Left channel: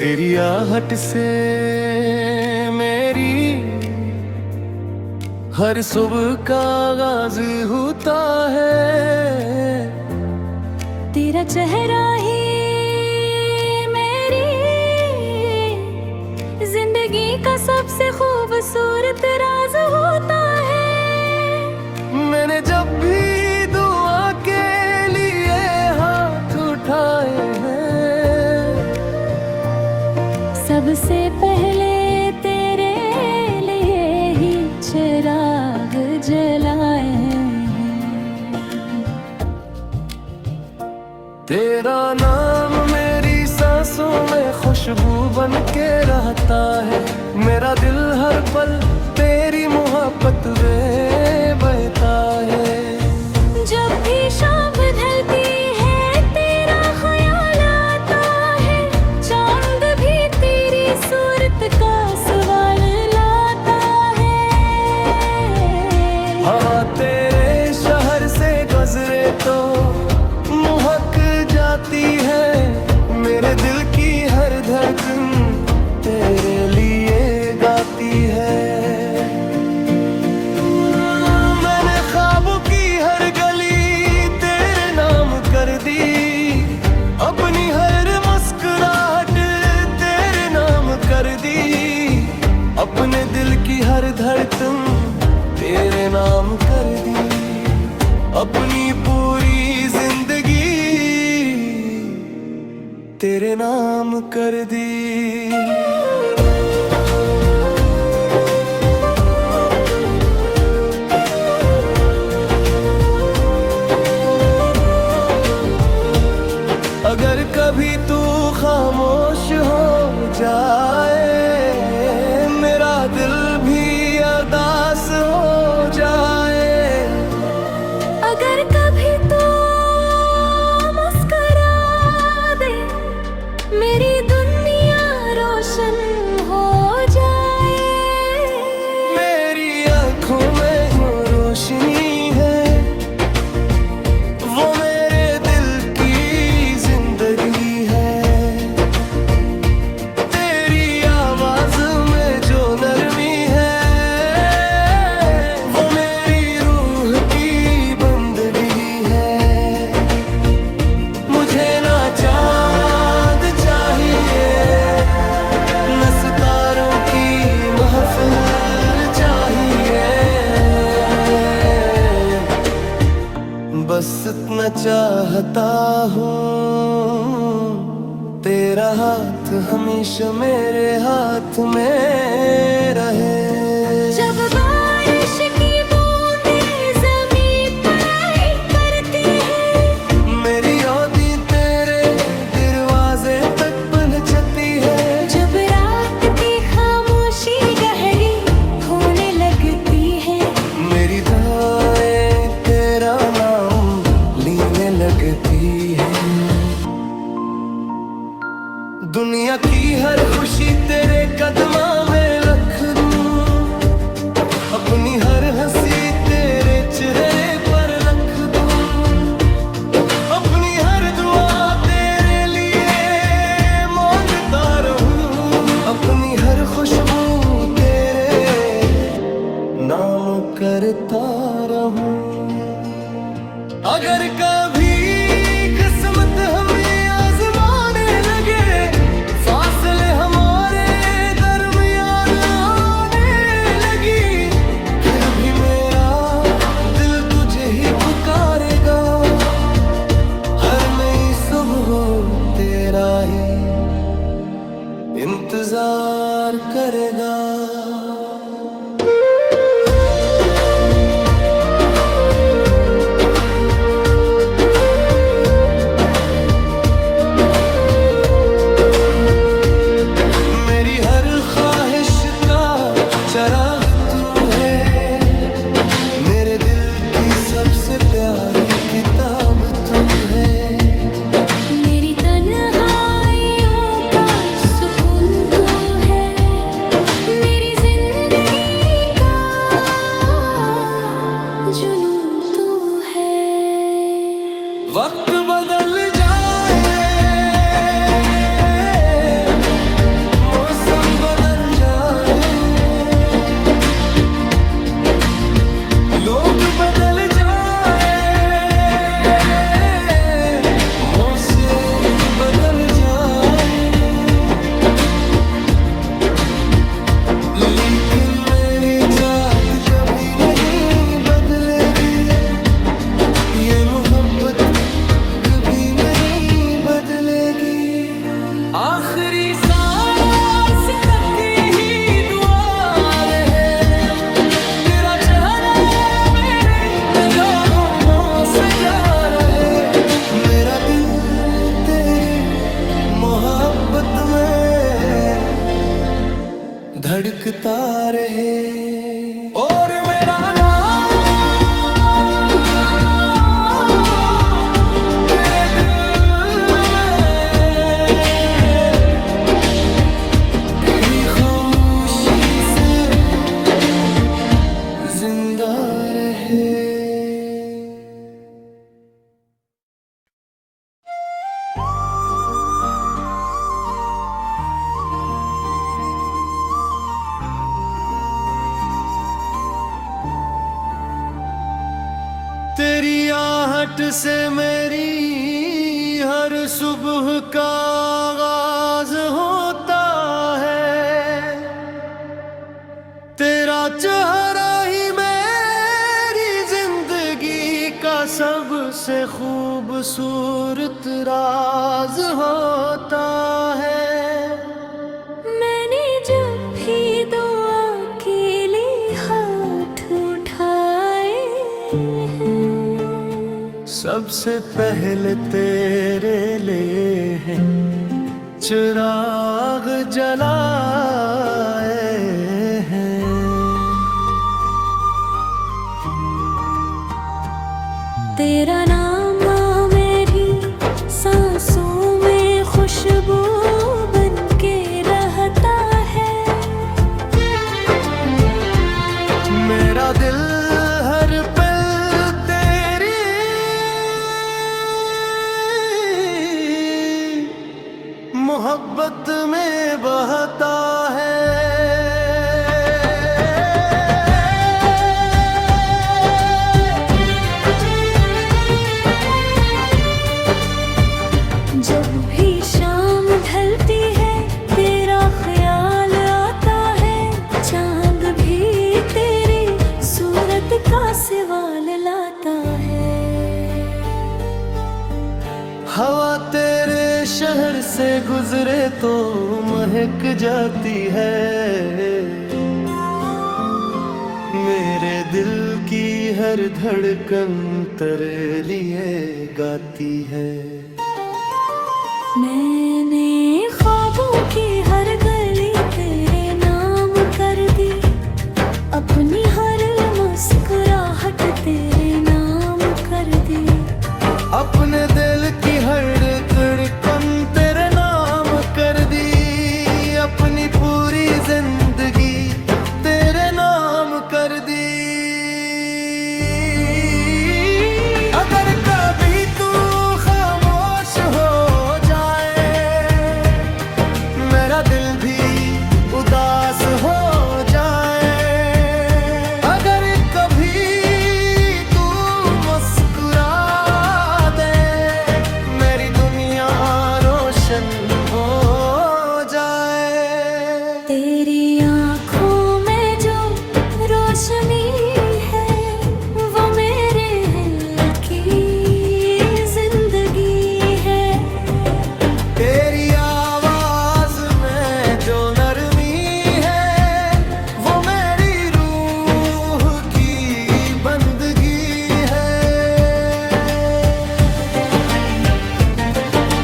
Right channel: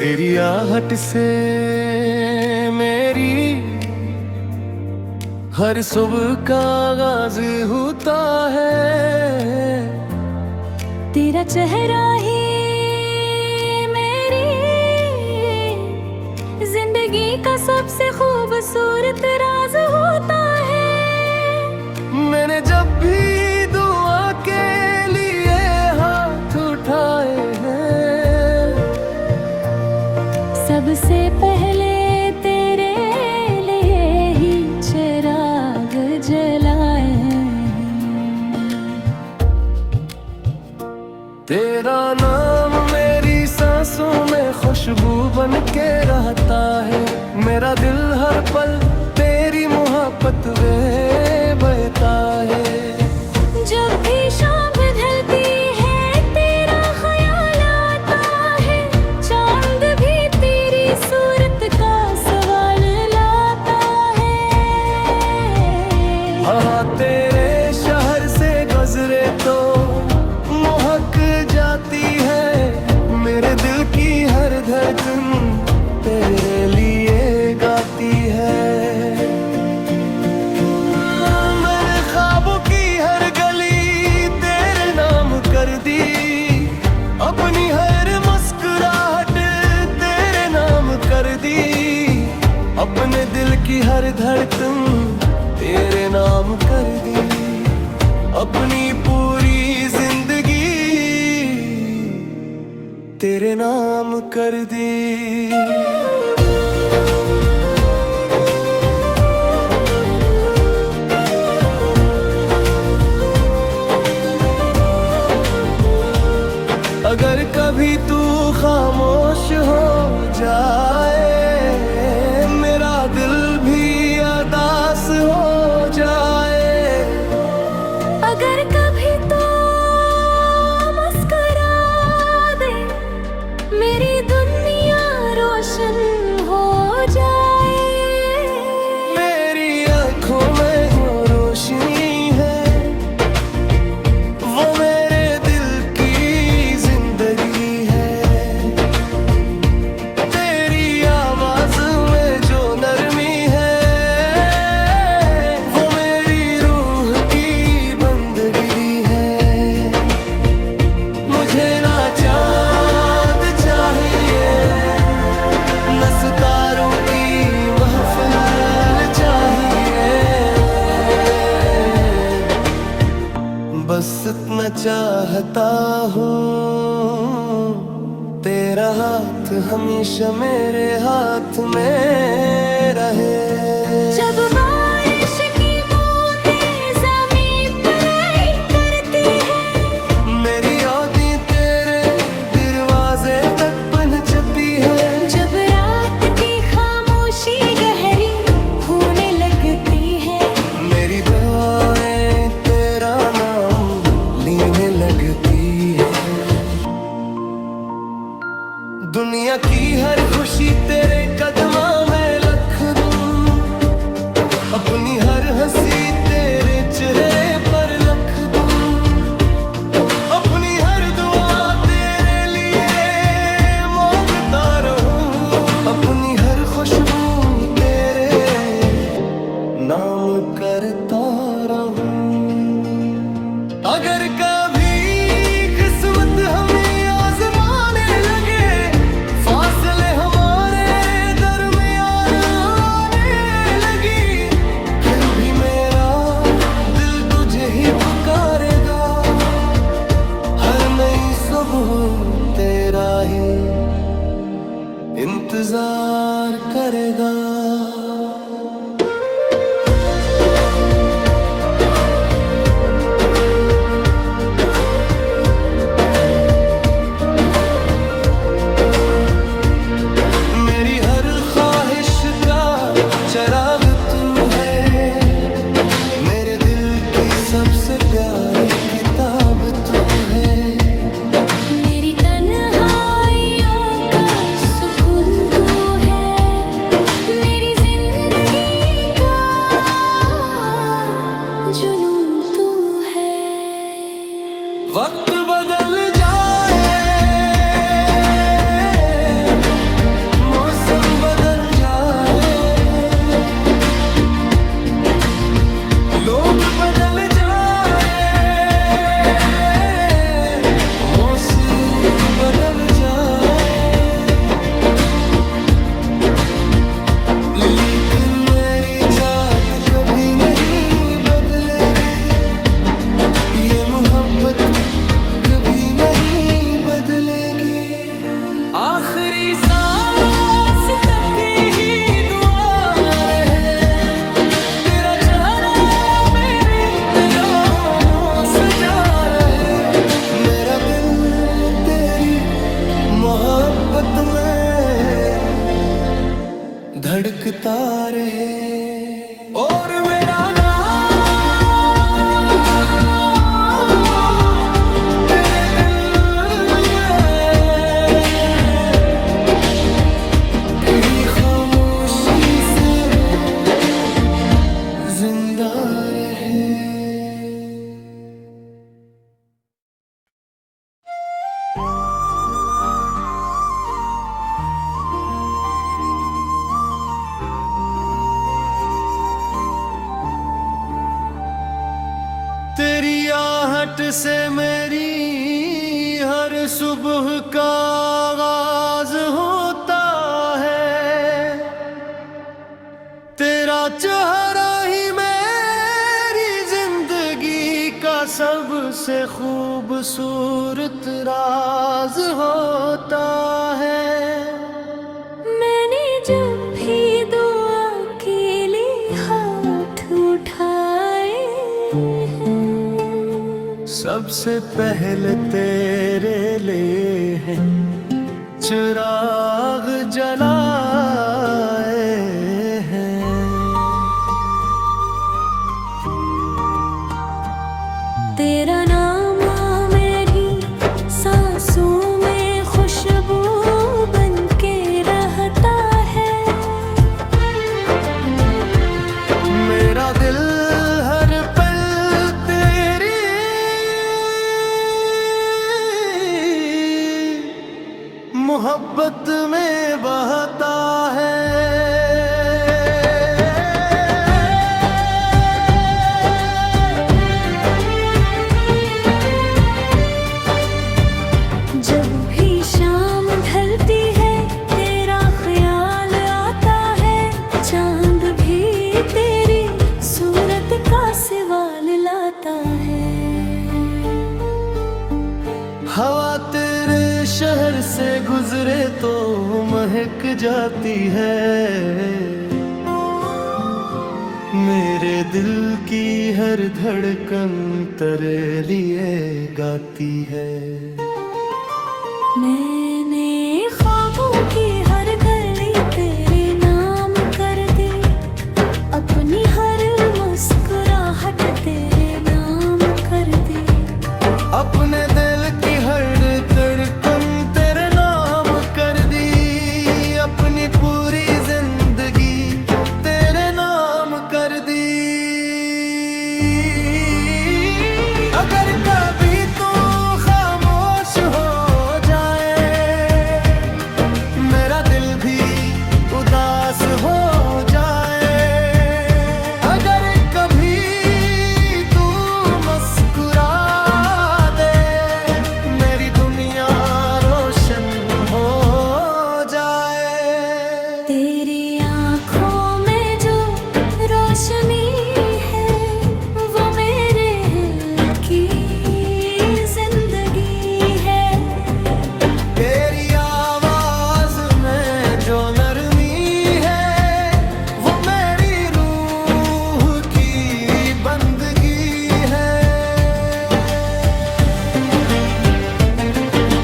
तेरी आहट से मेरी हर सुबह का आगाज होता है। तेरा चेहरा ही मेरी जिंदगी का सबसे खूबसूरत राज होता है। मैंने जब भी दुआ के लिए हाथ उठाए हैं, सबसे पहले तेरे लिए ही चिराग जलाए हैं। तेरा नाम मेरी सांसों में खुशबू बन के रहता है। मेरा दिल हर पल तेरी मोहब्बत में बहता है। जब भी शाम ढलती है तेरा ख्याल आता है। चांद भी तेरी सूरत का सवाल लाता है। हवा तेरे शहर से गुजरे तो महक जाती है। मेरे दिल की हर धड़कन तेरे लिए गाती है। मैंने ख्वाबों की हर गली तेरे नाम कर दी। अपनी हर मुस्कुराहट तेरे नाम कर दी। अपने दिल की हर धड़कन तेरे नाम कर दी। अपनी पूरी जिंदगी तेरे नाम कर दी। अगर कभी तू खामोश हो जाए, मेरा दिल भी उदास हो जाए। अगर कभी तो मुस्कुरा दे, मेरी दुनिया रोशन हो जाए। मेरी आँखों में वो रोशनी है, वो मेरे दिल की जिंदगी है। तेरी आवाज में जो नरमी है, वो मेरी रूह की बंदगी है। मुझे ना चांद चाहिए, न सितारों की महफिल चाहिए। बस इतना चाहता हूँ, तेरा हाथ हमेशा मेरे हाथ में रहे। जब बारिश की बूंदें ज़मीन पर आई करती है, मेरी यादें तेरे दरवाजे तक पहुंचती है। जब रात की खामोशी गहरी होने लगती है, मेरी दुआएं तेरा नाम लेने लगती है। दुनिया की हर खुशी तेरे कदमों में रख दूं। अपनी हर हंसी तेरे चेहरे पर रख दूं। अपनी हर दुआ तेरे लिए मांगता रहूं। अपनी हर खुशबू तेरे नाम करता रहूं। अगर कभी किस्मत हमें आजमाने लगे, फासले हमारे दरमियान आने लगी, फिर भी मेरा दिल तुझे ही पुकारेगा। हर नई सुबह तेरा ही इंतजार करेगा। मेरी हर ख्वाहिश का चराग तू है। मेरे दिल की सबसे प्यारी किताब तू है। मेरी तन्हाइयों का सुकून तू है। मेरी जिंदगी का जुनून तू है। वक्त बदल जाए ये मोहब्बत कभी नहीं बदलेगी। आखिरी सांस तक यही दुआ रहे, तेरा चेहरा मेरी निगाहों में सजा रहे। मेरा दिल तेरी मोहब्बत में धड़कता रहे। और मेरा तेरे दिल में कहीं खामोशी से जिंदा रहे। तेरी आहट से मेरी हर सुबह का आगाज होता है। तेरा चेहरा ही मेरी जिंदगी का सबसे खूबसूरत राज होता है। मैंने जब भी दुआ के लिए हाथ उठाए हैं, सबसे पहले तेरे लिए हैं चिराग जलाए हैं। तेरा नाम मेरी सांसों में खुशबू बन के रहता है। मेरा दिल हर पल तेरी मोहब्बत में बहता है। जब भी शाम ढलती है तेरा ख्याल आता है। चांद भी तेरी सूरत का सवाल लाता है। हवा तेरे शहर से गुजरे तो महक जाती है। मेरे दिल की हर धड़कन तेरे लिए गाती है। मैंने ख्वाबों की हर गली तेरे नाम कर दी। अपनी हर मुस्कुराहट तेरे नाम कर दी। अपने दिल की हर धड़कन तेरे नाम कर दी। अपनी पूरी जिंदगी तेरे नाम कर दी। अगर कभी तू खामोश हो जाए, मेरा दिल भी उदास हो जाए। अगर कभी तू मुस्कुरा दे, मेरी दुनिया रोशन हो जाए। तेरी आँखों में जो रोशनी है वो मेरे दिल की जिंदगी है। तेरी आवाज में जो नरमी है वो मेरी रूह की बंदगी है।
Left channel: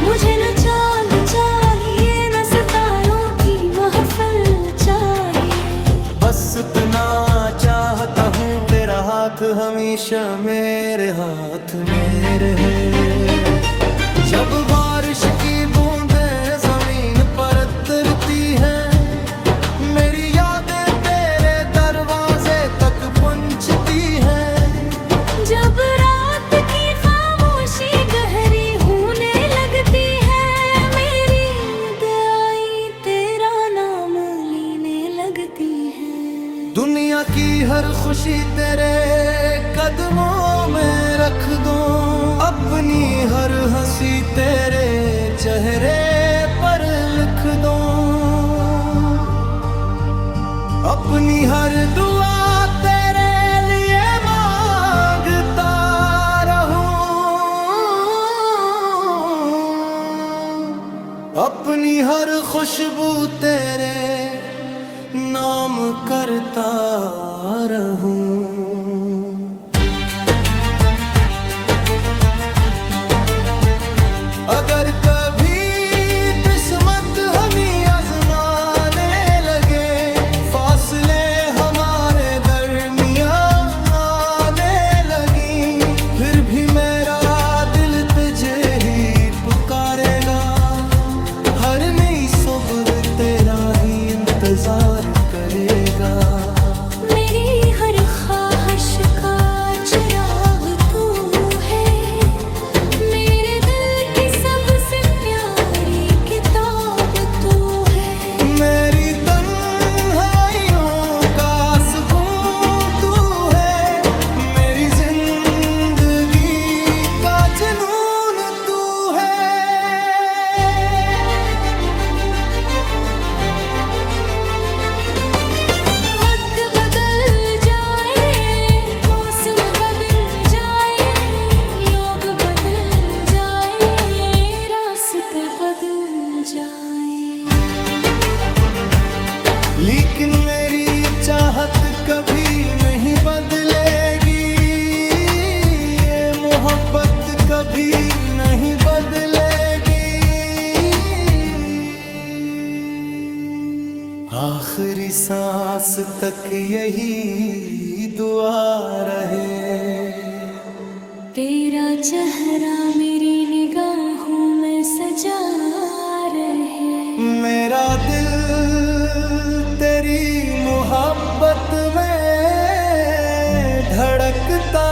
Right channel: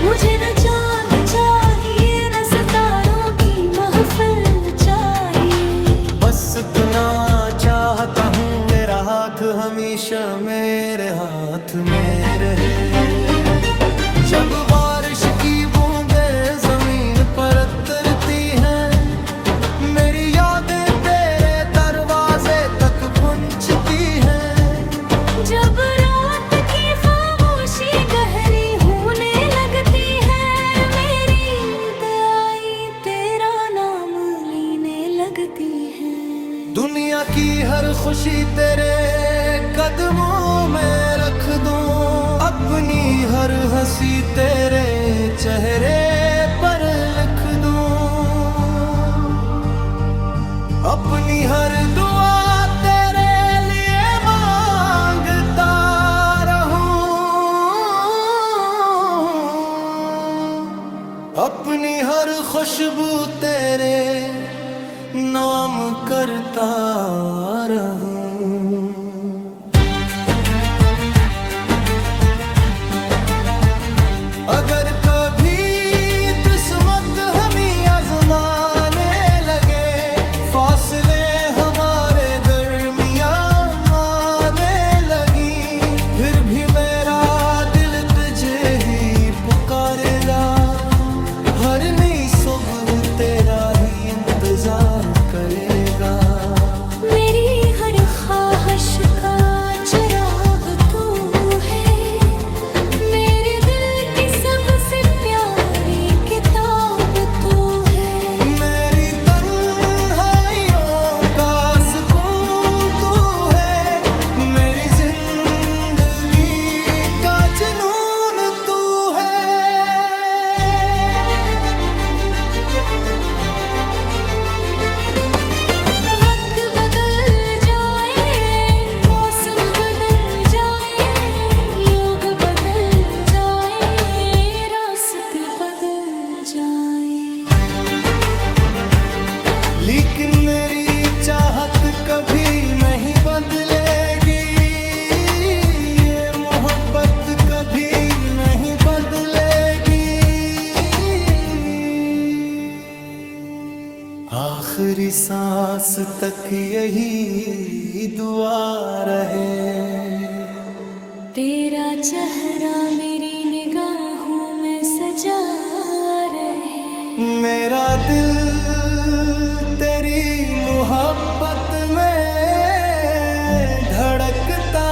मुझे न चांद चाहिए न सितारों की महफिल चाहिए। बस इतना चाहता हूँ तेरा हाथ हमेशा मेरे हाथ में रहे। जब बारिश की बूंदें जमीन पर उतरती हैं, मेरी यादें तेरे दरवाजे तक पहुंचती हैं। जब रात की खामोशी गहरी होने लगती है, मेरी दयाई तेरा नाम लेने लगती है। दुनिया की हर खुशी तेरे कदमों में रख दूं। अपनी हर हंसी तेरे चेहरे पर लिख दूं। अपनी हर दुआ तेरे लिए मांगता रहूं। अपनी हर खुशबू तेरे नाम करता रहूं। अगर कभी किस्मत हमें आजमाने लगे, फासले हमारे दरमियान आने लगी, फिर भी मेरा दिल तुझे ही पुकारेगा। हर नई सुबह तेरा ही इंतजार करेगा। मेरी हर ख्वाहिश का चिराग तू है, मेरे दिल की सबसे प्यारी किताब तू है। मेरी तन्हाइयों का सुकून तू है, मेरी जिंदगी का जुनून तू है। वक्त बदल जाए, मौसम बदल जाए, लोग बदल जाए, रास्ते बदल जाए, लेकिन मेरी चाहत कभी नहीं बदलेगी, ये मोहब्बत कभी नहीं बदलेगी। आखिरी सांस तक यही दुआ रहे। तेरा चेहरा मेरी निगाहों में सजा रहे। मेरा दिल तेरी मोहब्बत में धड़कता